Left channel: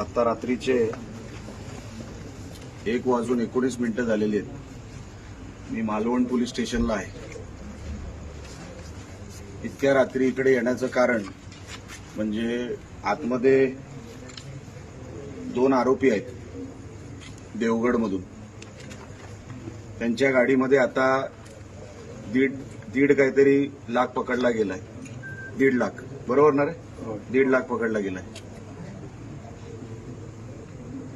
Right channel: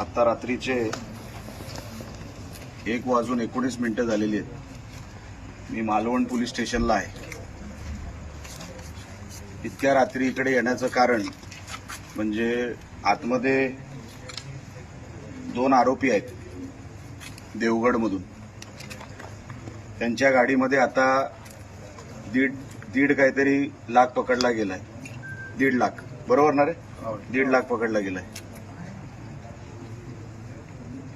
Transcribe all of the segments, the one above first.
आता रात्रीचे एक वाजून एकोणीस मिनिटं झालेली आहेत. मी मालवण पोलीस स्टेशनला आहे. इतक्या रात्री इकडे येण्याचं कारण म्हणजे आतमध्ये दोन आरोपी आहेत देवगडमधून. त्यांच्या गाडीमध्ये आता दीड दीड काहीतरी लाख पकडला गेलाय. दीड लाख. बरोबर ना रे? दीड लाख पकडला गेलाय.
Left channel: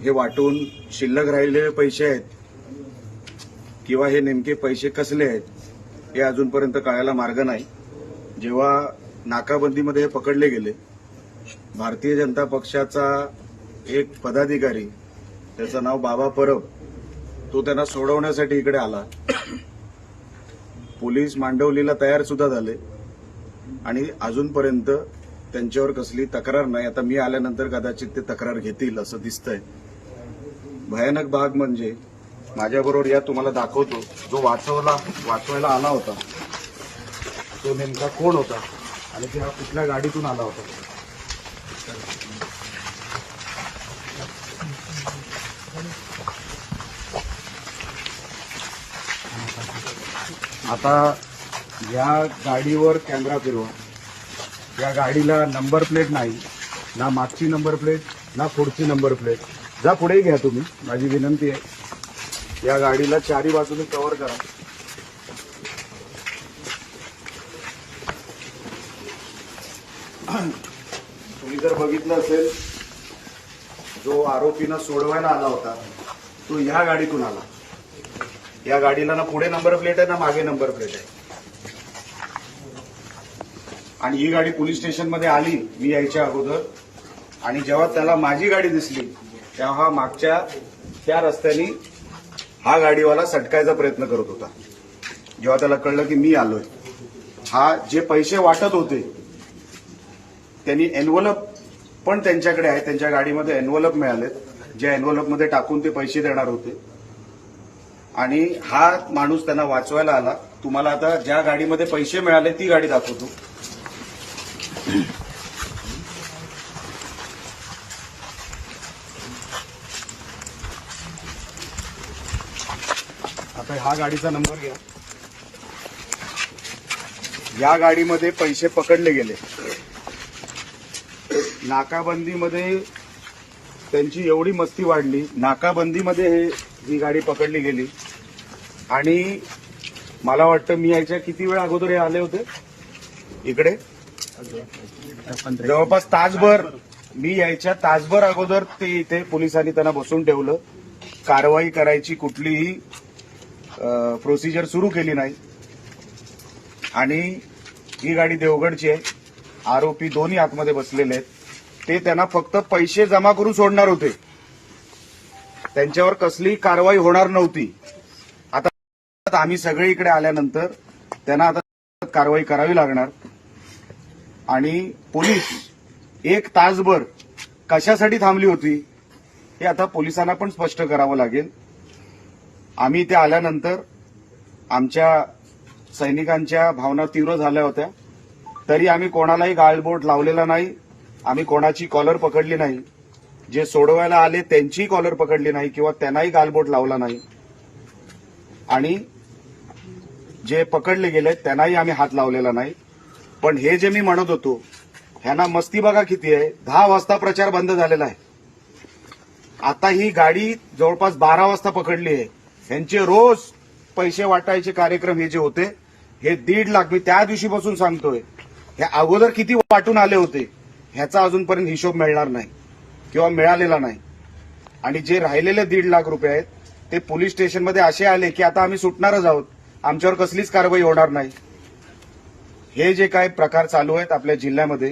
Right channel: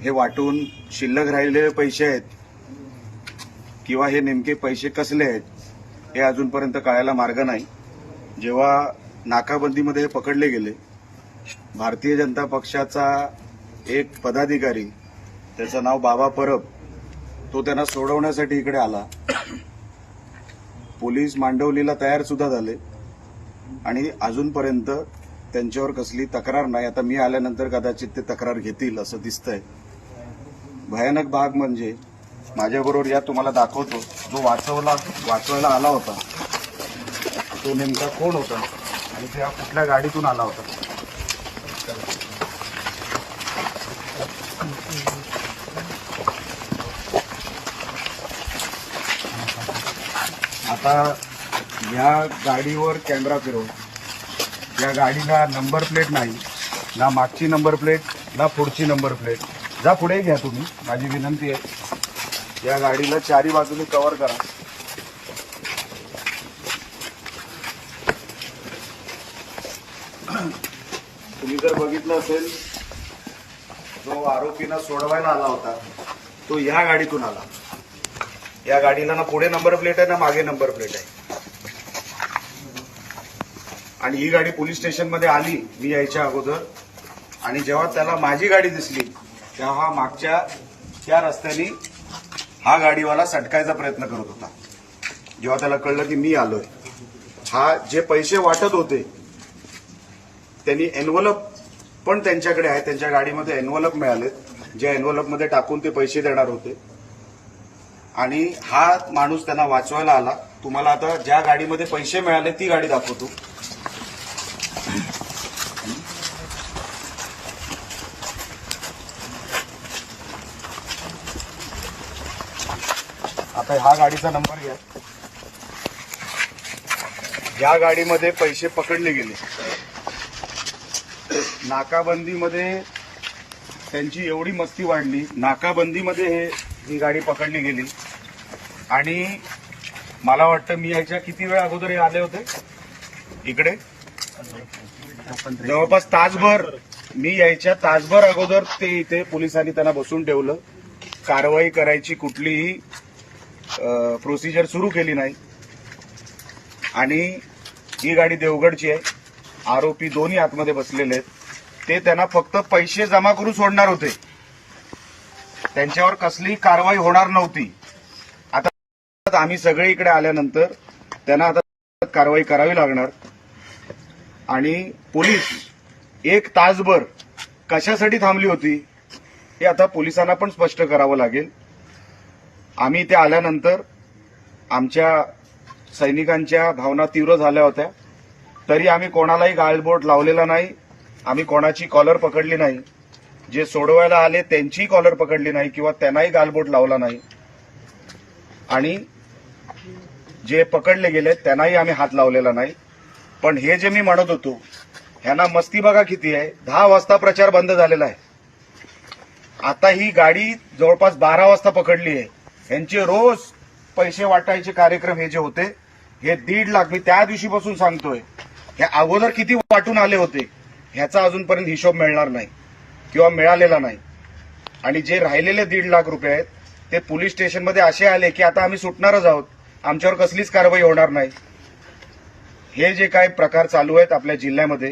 हे वाटून शिल्लक राहिलेले पैसे आहेत किंवा हे नेमके पैसे कसले आहेत हे अजूनपर्यंत कळायला मार्ग नाही. जेव्हा नाकाबंदीमध्ये हे पकडले गेले भारतीय जनता पक्षाचा एक पदाधिकारी त्याचं नाव बाबा परब तो त्यांना सोडवण्यासाठी इकडे आला. पोलीस मांडवलीला तयार सुद्धा झाले आणि अजूनपर्यंत त्यांच्यावर कसली तक्रार नाही. आता मी आल्यानंतर कदाचित ते तक्रार घेतील असं दिसतंय. भयानक भाग म्हणजे माझ्याबरोबर या तुम्हाला दाखवतो. जो वाचवला वाचवायला आला होता तो नेमका कोण होता? आणि त्या कुठल्या गाडीतून आला होता? आता या गाडीवर कॅमेरा फिरवा. या गाडीला नंबर प्लेट नाही ना मागची नंबर प्लेट ना पुढची नंबर प्लेट जा पुढे घ्या तुम्ही. माझी विनंती आहे. या गाडीला चारी बाजूने कव्हर करा. तुम्ही जर बघितलं असेल जो आरोपीना सोडवायला आला होता तो ह्या गाडीतून आला. या गाडीला ना पुढे नंबर प्लेट आहे ना मागे नंबर प्लेट आहे. आणि ही गाडी पोलीस स्टेशनमध्ये आली मी यायच्या अगोदर. आणि जेव्हा त्याला माझी गाडी दिसली तेव्हा हा मागच्या त्या रस्त्याने हा गाडीवाला सटकायचा प्रयत्न करत होता. जेव्हा त्याला कळलं की मी आलोय. हा जे पैसे वाटत होते त्यांनी एनवलप पण त्यांच्याकडे आहे. त्यांच्या गाडीमध्ये एनव्हलप मिळाले ज्या एनव्हलपमध्ये टाकून ते पैसे देणार होते. आणि हा माणूस त्यांना वाचवायला आला. तुम्हाला आता ज्या गाडीमध्ये पैसे मिळाले ती गाडी दाखवतो. आता हा गाडीचा नंबर घ्या. या गाडीमध्ये पैसे पकडले गेले. नाकाबंदीमध्ये त्यांची एवढी मस्ती वाढली. नाकाबंदीमध्ये हे ही गाडी पकडली गेली. आणि मला वाटतं मी यायच्या किती वेळ अगोदर हे आले होते? इकडे? जवळपास तासभर. मी यायच्या तासभर अगोदर ते इथे पोलिसांनी त्यांना बसून ठेवलं. कारवाई करायची कुठलीही प्रोसिजर सुरू केली नाही. आणि ही गाडी देवगडची आहे आरोपी दोन्ही आतमध्ये बसलेले आहेत. ते त्यांना फक्त पैसे जमा करून सोडणार होते. त्यांच्यावर कसलीही कारवाई होणार नव्हती. आता आम्ही सगळे इकडे आल्यानंतर त्यांना आता कारवाई करावी लागणार. आणि पोलीस एक तासभर कशासाठी थांबली होती हे आता पोलिसांना पण स्पष्ट करावं लागेल. आम्ही इथे आल्यानंतर आमच्या सैनिकांच्या भावना तीव्र झाल्या होत्या. तरी आम्ही कोणालाही गाळबोट लावलेला नाही. आम्ही कोणाची कॉलर पकडली नाही. जे सोडवायला आले त्यांचीही कॉलर पकडली नाही किंवा त्यांनाही गालबोट लावला नाही. आणि जे पकडले गेले त्यांनाही आम्ही हात लावलेला नाही. पण हे जे मी म्हणत होतो ह्यांना मस्ती बघा किती आहे. दहा वाजता प्रचार बंद झालेला आहे. आता ही गाडी जवळपास बारा वाजता पकडली आहे. यांचे रोज पैसे वाटायचे कार्यक्रम हे जे होते हे दीड लाख मी त्या दिवशीपासून सांगतोय. हे अगोदर किती वाटून आले होते ह्याचा अजूनपर्यंत हिशोब मिळणार नाही किंवा मिळालेला नाही. आणि जे राहिलेले दीड लाख रुपये आहेत ते पोलीस स्टेशनमध्ये असे आले की आता आम्ही सुटणारच आहोत. आमच्यावर कसलीच कारवाई होणार नाही. हे जे काय प्रकार चालू आहेत आपल्या जिल्ह्यामध्ये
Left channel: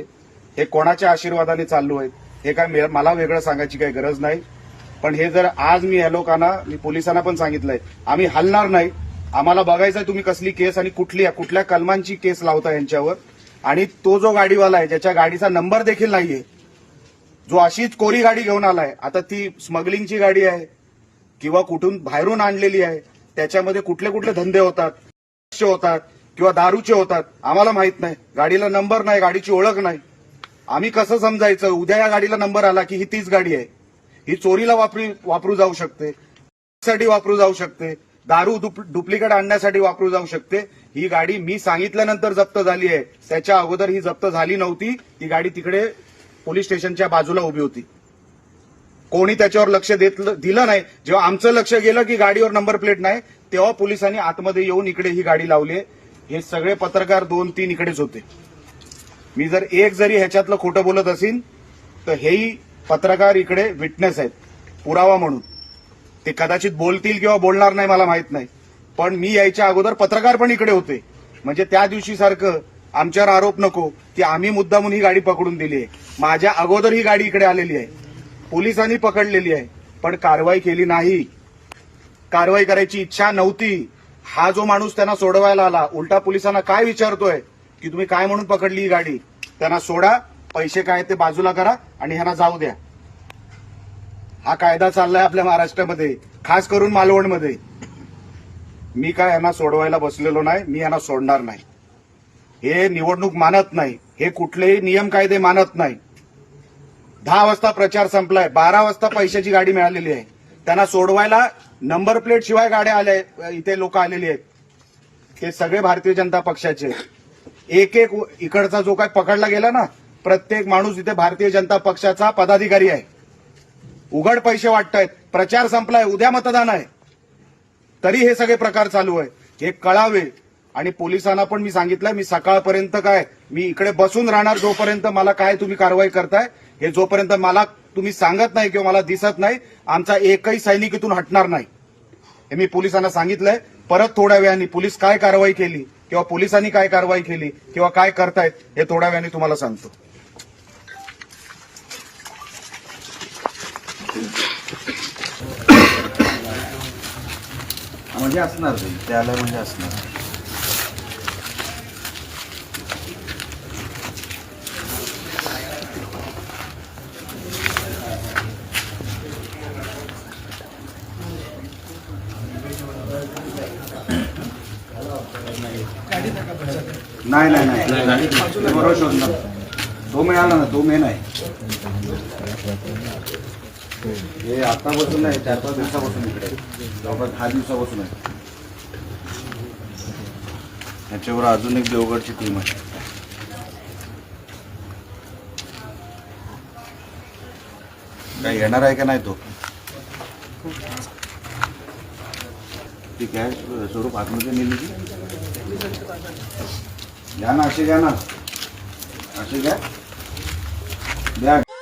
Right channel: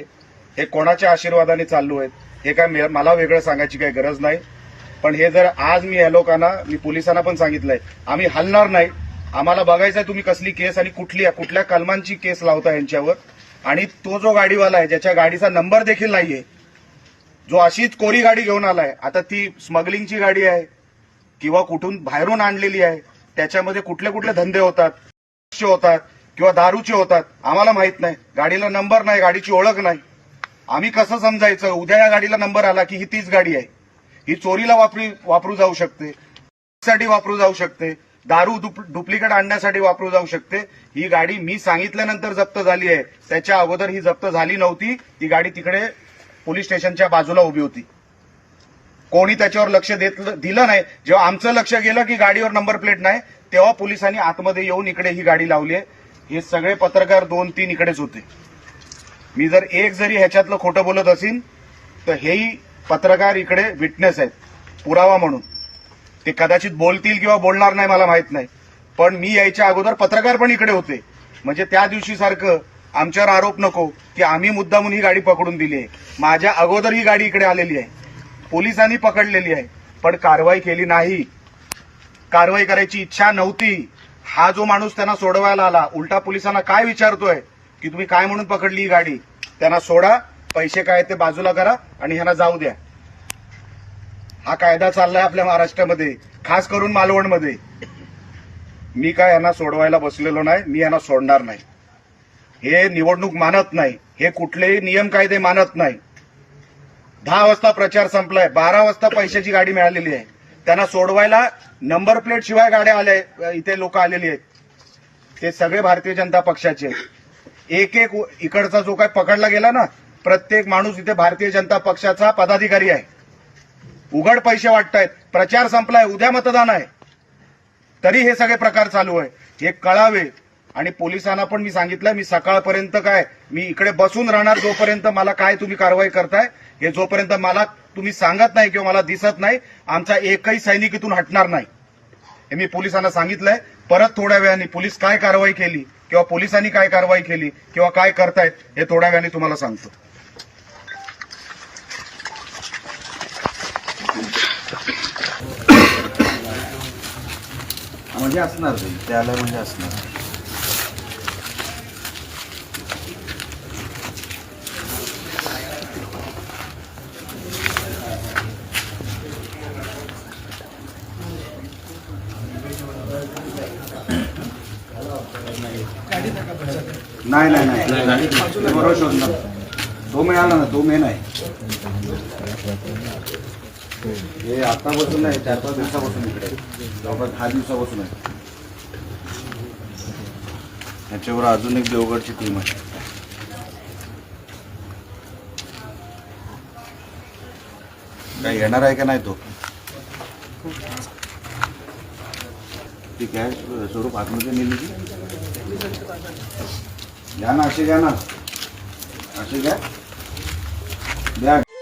हे कोणाच्या आशीर्वादाने चालू आहेत हे काय मला वेगळं सांगायची काही गरज नाही. पण हे जर आज मी या लोकांना मी पोलिसांना पण सांगितलंय आम्ही हलणार नाही. आम्हाला बघायचंय तुम्ही कसली केस आणि कुठली कुठल्या कलमांची केस लावता यांच्यावर. आणि तो जो गाडीवाला आहे ज्याच्या गाडीचा नंबर देखील नाहीये जो अशीच कोरी गाडी घेऊन आलाय आता ती स्मगलिंगची गाडी आहे किंवा कुठून बाहेरून आणलेली आहे त्याच्यामध्ये कुठले कुठले धंदे होतात होतात किंवा दारूचे होतात आम्हाला माहीत नाही. गाडीला नंबर नाही गाडीची ओळख नाही. आम्ही कसं समजायचं? उद्या या गाडीला नंबर आला की ही तीच गाडी आहे. ही चोरीला वापरी वापरू जाऊ शकते. साठी वापरू जाऊ शकते. दारू डुप्लिकेट आणण्यासाठी वापरू जाऊ शकते. ही गाडी मी सांगितल्यानंतर जप्त झाली आहे. त्याच्या अगोदर ही जप्त झाली नव्हती. ही गाडी तिकडे पोलीस स्टेशनच्या बाजूला उभी होती. कोणी त्याच्यावर लक्ष देत दिलं नाही. जेव्हा आमचं लक्ष गेलं की गाडीवर नंबर प्लेट नाही तेव्हा पोलिसांनी आतमध्ये येऊन इकडे ही गाडी लावली आहे. हे सगळे पत्रकार दोन तीन इकडेच होते. मी जर एक जरी ह्याच्यातलं खोटं बोलत असेल तर हेही पत्रकार इकडे विटनेस आहेत. पुरावा म्हणून. ते कदाचित बोलतील किंवा बोलणार नाही मला माहीत नाही. पण मी यायच्या अगोदर पत्रकार पण इकडे होते. म्हणजे त्या दिवशी सारखं आमच्यावर आरोप नको की आम्ही मुद्दामून ही गाडी पकडून दिली आहे. माझ्या अगोदर ही गाडी इकडे आलेली आहे. पोलिसांनी पकडलेली आहे. पण कारवाई केली नाही. कारवाई करायची इच्छा नव्हती. हा जो माणूस त्यांना सोडवायला आला उलटा पोलिसांना काय विचारतोय की तुम्ही काय म्हणून पकडली ही गाडी? त्यांना सोडा. पैसे काय ते बाजूला करा आणि ह्यांना जाऊ द्या. हा कायदा चाललाय आपल्या महाराष्ट्रामध्ये खास करून मालवणमध्ये. मी काय यांना सोडवायला बसलेलो नाही मी यांना सोडणार नाही. हे निवडणूक मानत नाही हे कुठलेही नियम कायदे मानत नाही. दहा वाजता प्रचार संपलाय बारा वाजता पैशाची गाडी मिळालेली आहे. त्यांना सोडवायला नंबर प्लेट शिवाय गाड्या आल्या इथे लोक आलेली आहेत. ते सगळे भारतीय जनता पक्षाचे. एक एक इकडचा जो काय पकडला गेला ना प्रत्येक माणूस इथे भारतीय जनता पक्षाचा पदाधिकारी आहे. उघड पैसे वाटतायत. प्रचार संपलाय उद्या मतदान आहे. तरी हे सगळे प्रकार चालू आहे. हे कळावे. आणि पोलिसांना पण मी सांगितलं मी सकाळपर्यंत काय मी इकडे बसून राहणार जोपर्यंत मला काय तुम्ही कारवाई करताय हे जोपर्यंत मला तुम्ही सांगत नाही किंवा मला दिसत नाही आमचा एकही सैनिक इथून हटणार नाही. हे मी पोलिसांना सांगितलंय. परत थोड्या वेळाने पोलीस काय कारवाई केली किंवा पोलिसांनी काय कारवाई केली किंवा काय करतायत हे थोड्या वेळाने तुम्हाला सांगतो. म्हणजे असणार ते. त्याला म्हणजे असणार. नाही नाही नाही. बरोबर शोधणार. तो मिळाला ना तो मेन आहे हे आतापासून नाही चार पाच दिवसापासून इकडे जवळपास दहा दिवसापासून आहे. याच्यावर अजून एक देवगडची टीम आहे. काय येणार आहे का नाही तो? ठीक आहे स्वरूप आतमध्ये नेली की घ्या ना असे घ्या ना. असे घ्या. द्या.